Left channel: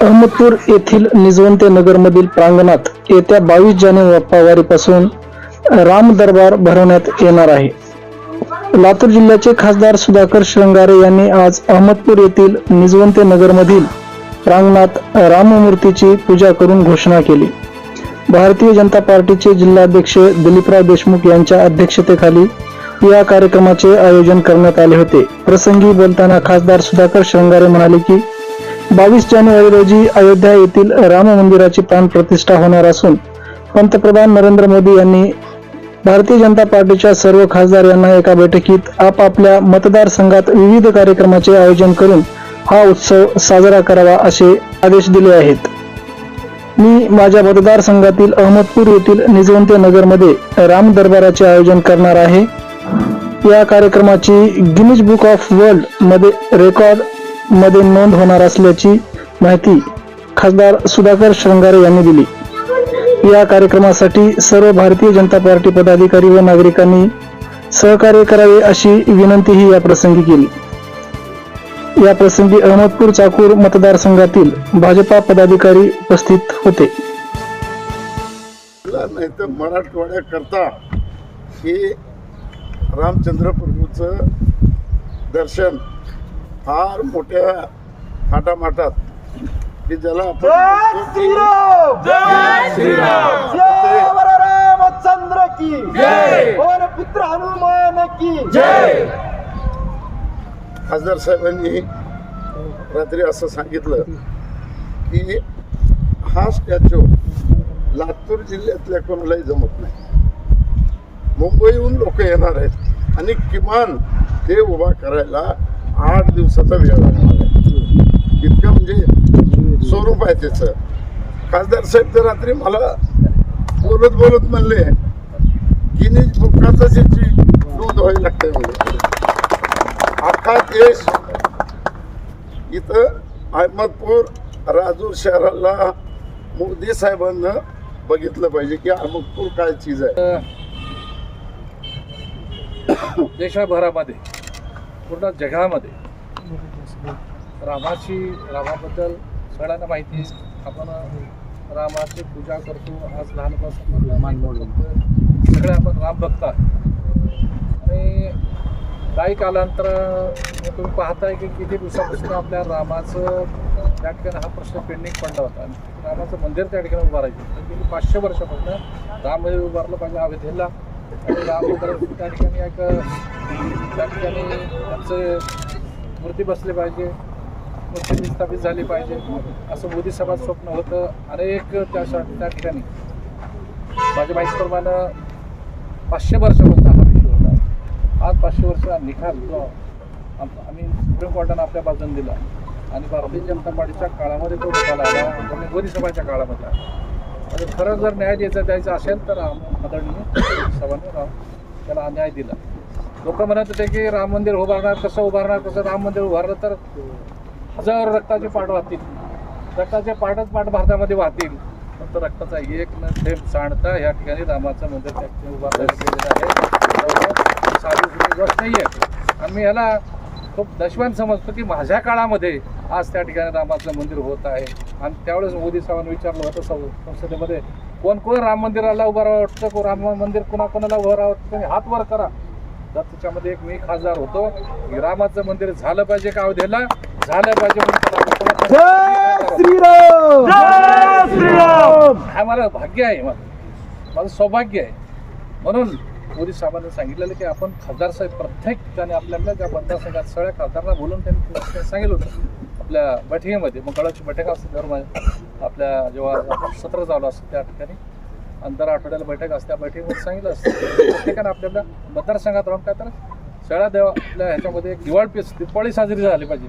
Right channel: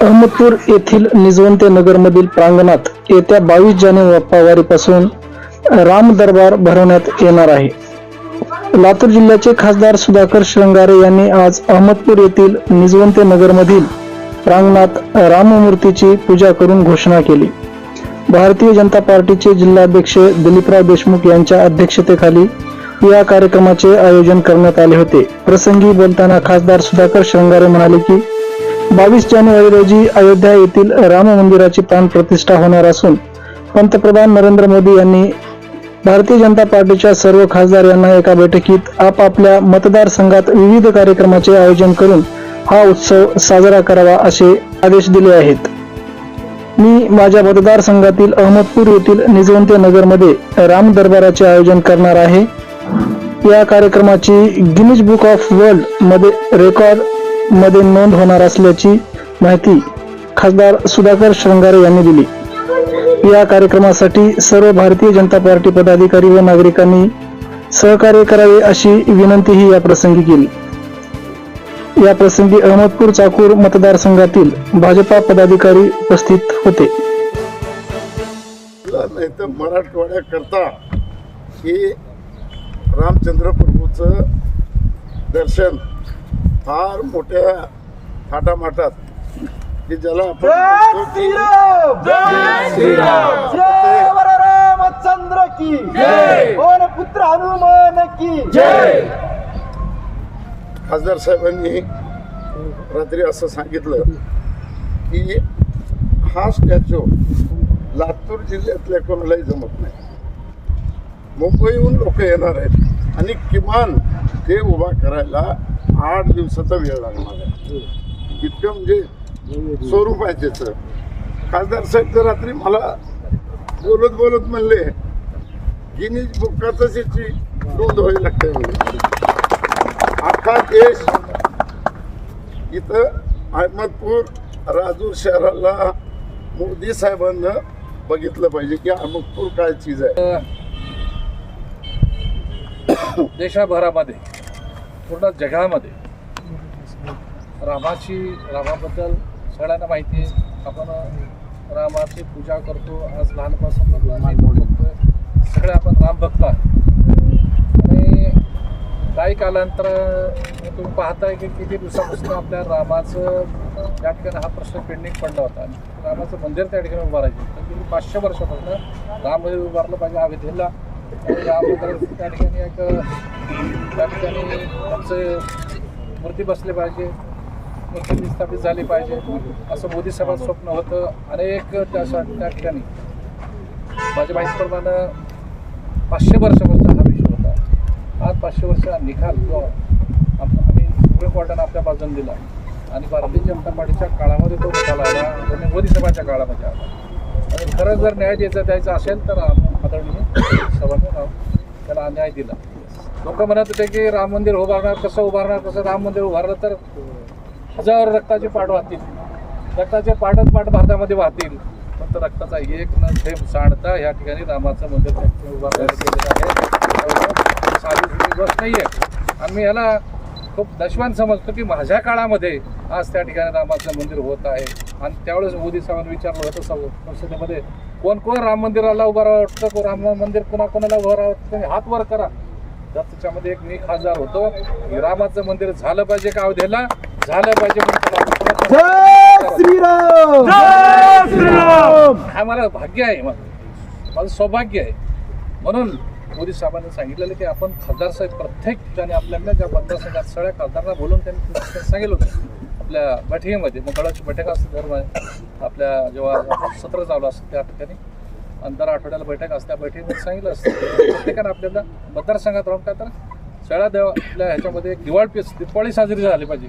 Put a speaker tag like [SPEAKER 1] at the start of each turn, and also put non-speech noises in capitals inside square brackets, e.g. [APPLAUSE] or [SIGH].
[SPEAKER 1] अहमदपूर येथील निजवंते नगरमधील प्रांगणात येत्या बावीस जानेवारीपासून राम दरबार भरवण्यात येणार आहे. लातूर जिल्ह्याचे खासदार सुधाकर श्रंगारे यांनी आज अहमदपूर येथील निजवंते नगरमधील प्रांगणात राममूर्तीची पूजा करून घोषणा केली. भारतीय जनता पार्टीचे जिल्हाध्यक्ष दिलीपराव देशमुख यांच्या अध्यक्षतेखाली या कार्यक्रमाचे आयोजन करण्यात आले होते. प्रसंगी बोलताना खासदार सुधाकर श्रंगारे म्हणाले की बावीस जानेवारी रोजी अयोध्या येथील राम मंदिराची प्राण प्रतिष्ठा होणार असून पंतप्रधान नरेंद्र मोदी यांनी भारतीय जनता पार्टीच्या सर्व खासदार यांना एका बैठकीत आपापल्या मतदारसंघात विविध कार्यक्रमाचे आयोजन करून हा उत्सव साजरा करावा असे आदेश दिले आहेत. मी माझ्या मतदारसंघातील अहमदपूर येथील निजवंते नगरमध्ये राम दरबाराचे आयोजन करणार आहे. या कार्यक्रमाची गिनीज बुक ऑफ वर्ल्डमध्ये रेकॉर्ड मध्ये नोंद होणार असल्याची माहिती खासदार सुधाकर श्रंगारे यांनी दिली. या कार्यक्रमासाठी सर्व भारतीय जनता पार्टी पदाधिकारी व नागरिकांनी सहकार्य करावे अशी विनंतीही या प्रसंगी केली. या प्रसंगी अहमदपूर चाकूर मतदारसंघातील भाजपा पदाधिकारी उपस्थित होते.
[SPEAKER 2] नाही तर मराठवाड्याकरता हे रामचंद्र प्रभूचं दर्शन फार मोठ्या थाटामाटात की ज्याला आपण
[SPEAKER 3] रामचंद्र की पुत्र हनुमान की. जय.
[SPEAKER 2] खासदार साहेबांनी रात्री असं सांगितलं की हा स्टॅच्यू लातूर जिल्ह्यातल्या कोणालाही जमत नाही. मुंबईहून लोक येणार आहेत आणि किमान ते उभा करायला आठ दिवसाचा वेळ लागणार आहे इतकं म्हणजे स्वरूप आहे त्याचं खासदार साहेब तर रात्री मला बोलत बोलत म्हणले गिनीज बुकाचाच याची नोंद व्हायला लागते म्हणजे अख्खा देश इथं अहमदपूर राजूर शहराला मोदी साहेबांना बघितलं पाहिजे की अहमदपूर काय चीज आहे. [COUGHS]
[SPEAKER 4] देशाभरामध्ये पूर्ण जगामध्ये रामाची रामाबद्दल सगळ्यांना माहिती आहे. आपण रामाची पूजा करतो. आज लहानपासून बघतोय. सगळे आपण राम भक्त आहोत. आणि काही कालांतर तुम्ही पाहताय की किती दिवसापासून आपल्या रामाचं त्या ठिकाणी हा प्रश्न पेंडिंग पडला होता. आणि रामाचं मंदिर त्या ठिकाणी उभारायचं होतं. गेली पाचशे वर्षापासून राम मंदिर उभारलं पाहिजे अयोध्येला त्या ठिकाणी एक त्या ठिकाणी त्यांचं मूर्ती बसली पाहिजे. मूर्ती स्थापित झाली पाहिजे. असं मोदी सभा स्वप्न होतं. अनेक त्या त्या ठिकाणी. माझ्या माहितीप्रमाणे पाचशे वर्षापासून हा विषय होता. आज पाचशे वर्ष निकाल जो आम- आम्ही सुप्रीम कोर्टानं आपल्या बाजूने दिला. आणि भारतीय जनता पार्टीच्या काळामध्ये तो निकाल आला. आणि मोदी सभाच्या काळामध्ये आला. आणि खरंच जर न्याय द्यायचा द्यायचा असेल तर आम- आदरणीय राव त्याला अन्याय दिला. लोक म्हणत होते की राम मंदिर उभारणार कसं उभारणार कसं राम मंदिर उभारलं तर हजारो रक्ताचे पाठ वाहतील. रक्ताचे पाठच पाठ भारतामध्ये वाहतील. फक्त रक्ताचा एक न थेंब सांडता या ठिकाणी रामाचं मंदिर त्या ठिकाणी उभारण्यात गेलेलं आहे. साधी गोष्ट नाही आहे आम्ही याला खूप दशवान समजतो की माझ्या काळामध्ये आज त्या ठिकाणी रामाचं मंदिर होत आहे. आणि त्यावेळेस मोदी साहेबांनी विचारलं होतं सं- संसदेमध्ये कोण कोण राम मंदिराला उभं वाटतं को राम मंदिर कोणा कोणाला उभं वाटतं हात वर करा. तर त्याच्यामध्ये एक मी खासदार होतो. की रामाचं मंदिर झालं पाहिजे का अवधेला? झालं पाहिजे म्हणून त्याला आम्ही
[SPEAKER 3] जय
[SPEAKER 4] कोणाचं-
[SPEAKER 3] श्रीराम! जय श्रीराम!
[SPEAKER 4] हा मला भाग्य आहे माझं माझं सौभाग्य आहे. म्हणून मोदी साहेबांनी सांगितलेलं की आपण खासदार साहेब प्रत्येक ठिकाणी आपल्या आपल्या ज्या मतदारसंघात सगळ्या खासदारांना बोलून त्यांनी सांगितलं होतं. आपल्या बैठकीमध्ये मंगळाची बैठक असते दर मा- आपल्या जेव्हा सत्र चालू असतं त्या ठिकाणी अंतर आठवड्याला बैठक असते. त्या बैठकीमध्ये सांगितलं असतं प्रत्येकानं आपल्याला मतदारसंघात राहून काय तर सगळ्या देव आपल्या ह्याच्यामध्ये दिवाळी दिवाळी साजरी झाली पाहिजे.